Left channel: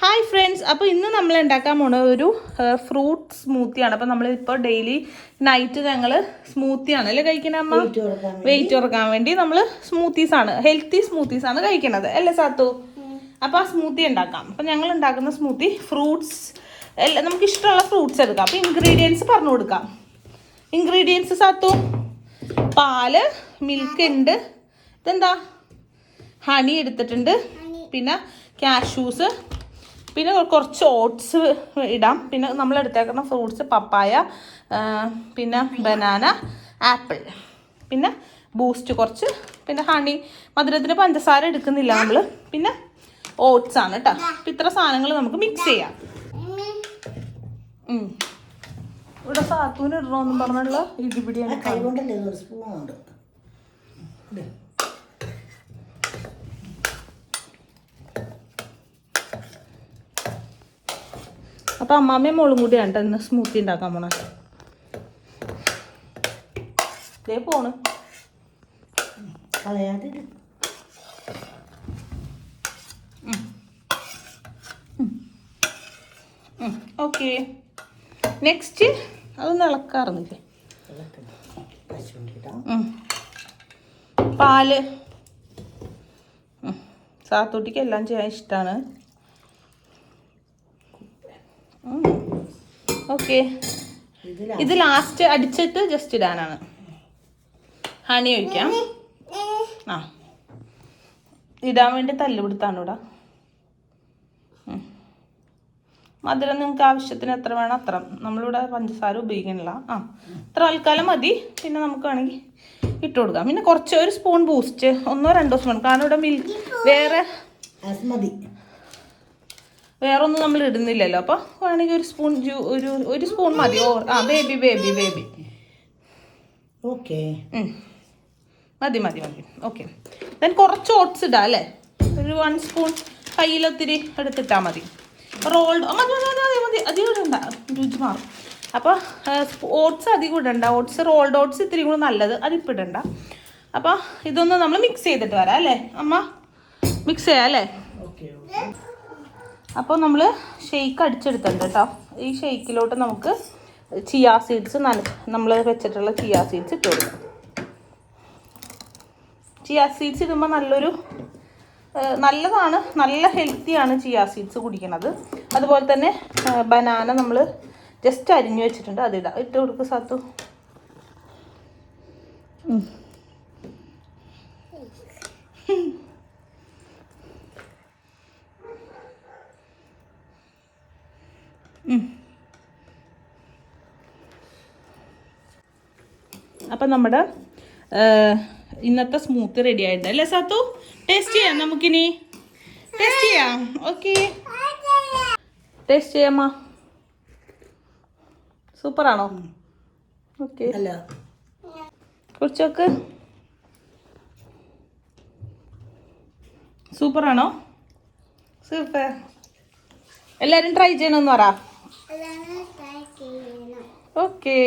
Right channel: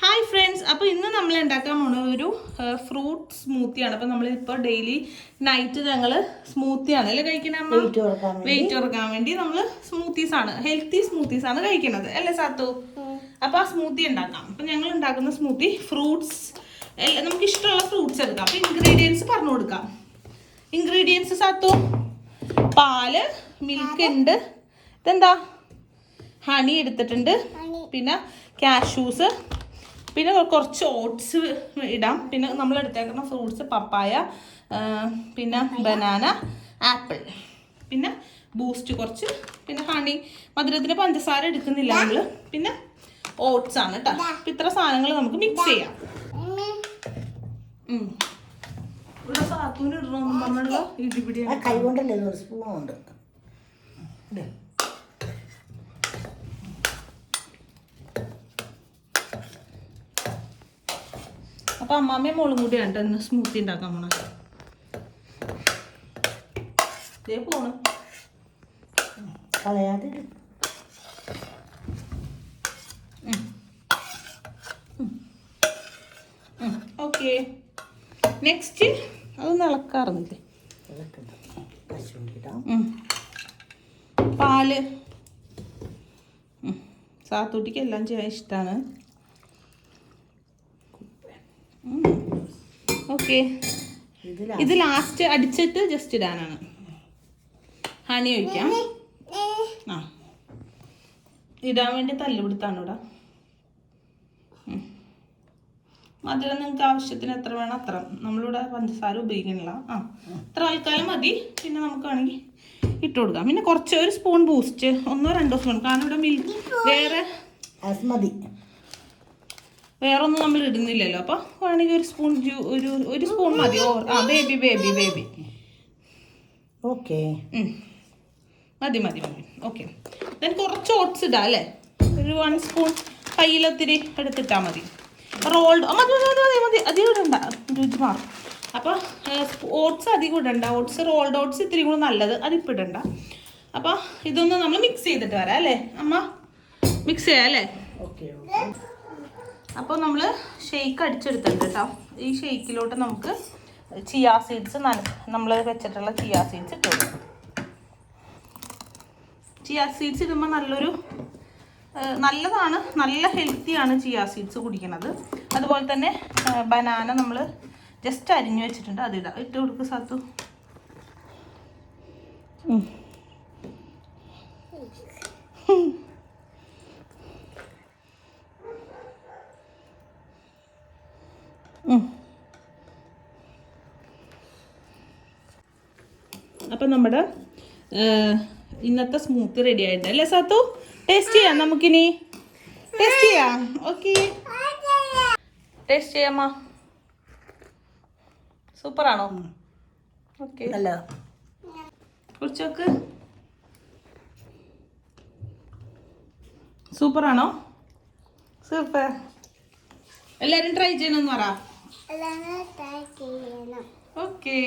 Hi friends, അപ്പോൾ ഇന്ന് നമ്മൾ ഉണ്ടാക്കാൻ പോണ ഒരു ഫ്രൂട്ട് സ്മൂത്തിയാണ്. അപ്പോൾ നമ്മളിപ്പോൾ ഡെയിലി നൈറ്റ് ഞങ്ങൾ സ്മൂത്തിയാണ് അല്ലേ കഴിക്കണ അമ്മ? വെയിറ്റ് കുറക്കാൻ വേണ്ടി നമ്മൾ സ്മൂത്തീസാണ്, ഹെൽത്തി സ്മൂത്തീസാണ് കഴിക്കണത് അല്ലേ സാത്തു? അപ്പോൾ ആ സ്മൂത്തി ഉണ്ടാക്കാം. അപ്പോൾ ഞങ്ങൾ ഉണ്ടാക്കുന്ന സ്മൂത്തി ഫ്രൂട്ട്സ് എല്ലാം നമുക്ക് ഇഷ്ടമുള്ള ഫ്രൂട്ട്സ് എടുക്കാം. അപ്പോൾ ഇൻഗ്രീഡിയൻസ് പറഞ്ഞു കൊടുക്കാം. ഇൻഗ്രീഡിയൻസ് സാത്തു: പാല്, മിൽക്ക് ഉണ്ട്, ഇതെന്താ ഹണി എടുത്തിട്ടുണ്ട്, പിന്നെ കാഷ്യൂസ്, പിന്നെ കുറച്ച് ഓട്സ് ഇടാം, പിന്നെ നമ്മൾ എടുത്തേക്കുന്ന ഫ്രൂട്ട്സ് പപ്പായ, പിന്നെ ബനാന, ആപ്പിൾ, പിന്നെ ബൂസ്റ്റ് കുറച്ച്, പിന്നെ ഹണി, മധുരത്തിന് പഞ്ചസാര എടുക്കുന്നില്ല നമ്മൾ, പിന്നെ ഓട്സ് ആണ് കേട്ടോ. അപ്പം ഇത്ര സാധനങ്ങൾ നമുക്ക് മിക്സ് ചെയ്യാം. ഇവിടെ സാത്തൂന് ഇടണമെന്നും പറഞ്ഞല്ലോ ഇടിപിടിയാണ്. കൈ കൊണ്ടല്ലേ ഒരു സ്പൂണുണ്ട്. അപ്പൊ അമ്മാമ്മയും മോളും കൂടിയാണ് ഇന്ന് സ്മൂത്തി ഉണ്ടാക്കാൻ പോണ. ഇതേ പോണ് കളയാതെ. ഓക്കെ, നെക്സ്റ്റ് അതൊന്ന് ഇളക്കാറുന്നില്ലേ? പാല് സാത്തൂട്ടിക്ക് എല്ലാം ചെയ്യാൻ ഇഷ്ടമാണ്. ഓക്കെ, ഇത് ലാസ്റ്റ് അടിച്ചിട്ട് ജസ്റ്റ് ഇടാനാണ്. ഹണി ഒഴിക്കാം. ആ, ഇടാൻ വേണ്ടി തല്ല് കൊടുത്താണ് ഇവിടെ. മധുരം നിങ്ങൾക്ക് ആവശ്യത്തിന് എത്ര വേണം അത്ര. നമ്മളിവിടെ പഞ്ചസാര ഉപയോഗിക്കണില്ല. ആ, ഇത്ര ആൾക്കാലം മതി. പിന്നെ നമുക്ക് വേണമെങ്കിൽ ഇട്ട് കൊടുക്കാം. പിന്നെ കുറച്ച് ഒരു സ്പൂൺ ബൂസ്റ്റ്, 1-2 സ്പൂൺ, കാരണം ഇവിടെ മിൽക്ക് വേറെ ഒന്നും നമ്മൾ ഇടുന്നില്ലല്ലോ. അപ്പോൾ വേണമെങ്കിൽ ഒരു സ്പൂൺ ഒരു സ്പൂൺ മതി. ബേബി ഓക്കെ, മതി. ഓക്കെ, ദെൻ കുറച്ച് ഓട്സ് ഇടാം അല്ലേ? ഒരു 1 സ്പൂൺ കയ്യിലൊത്തിരി എടുത്തിട്ടാൽ മതി. റോൾഡ് മതി, അധികം ഇടണ്ട, രുചി മാറും. അപ്പോൾ ഓട്സ് അധികം ഇടണ്ട. ഓട്സ് റോൾഡ് ഓട്സ് ഇത്തിരി കൂടെ നല്ലത്, അതിപ്പോൾ ഇടണ്ട. അപ്പോൾ ഇതൊന്ന് നമ്മൾ മിക്സ് ചെയ്തിട്ട് വരാം അല്ലേ അമ്മ? മിക്സ് ചെയ്യാം അല്ലേ? ഓക്കെ. അപ്പോൾ നമ്മൾ ഷെയ്ക്ക് അടിച്ചെടുത്തിട്ടുണ്ട് കേട്ടോ. ഈ ഷെയ്ക്കിലോട്ട് നമുക്ക് ചിയാ സീഡ്സ് നമ്മൾ വെച്ചിട്ടുള്ള ചിയാ സീഡ്സ് ഇട്ട് കൊടുക്കും. ചിയാ സീഡ്സ് ഇടുമ്പോൾ നല്ലതാണ്, നല്ല ഹെൽത്തിയാണ് ചിയാ സീഡ്സ് കുടിക്കണത്. അതുപോലെ തന്നെ ബനാന നമ്മൾ ജസ്റ്റ് അരിഞ്ഞു വെച്ചിട്ടുണ്ട്, അതിടാം. ഇട്ട് കൊടുക്കുക സാത്തു. അപ്പം നമ്മുടെ ഇന്നത്തെ സ്മൂത്തി റെഡി ആയിട്ടുണ്ട് അല്ലേ സാത്തു? ടേസ്റ്റ് ചെയ്യാം നമുക്കിനി. ടേസ്റ്റ് ചെയ്യാം. ഓക്കെ, ടേസ്റ്റ് ചെയ്യാമ്മ. സൂപ്പറാണോ? ഓക്കെ, അല്ല കുറിച്ചൊക്കെ സൂപ്പറാണോ? സൂപ്പർ. എല്ലാവരും ട്രൈ ചെയ്യണമെന്ന് പറ. ഓക്കെ.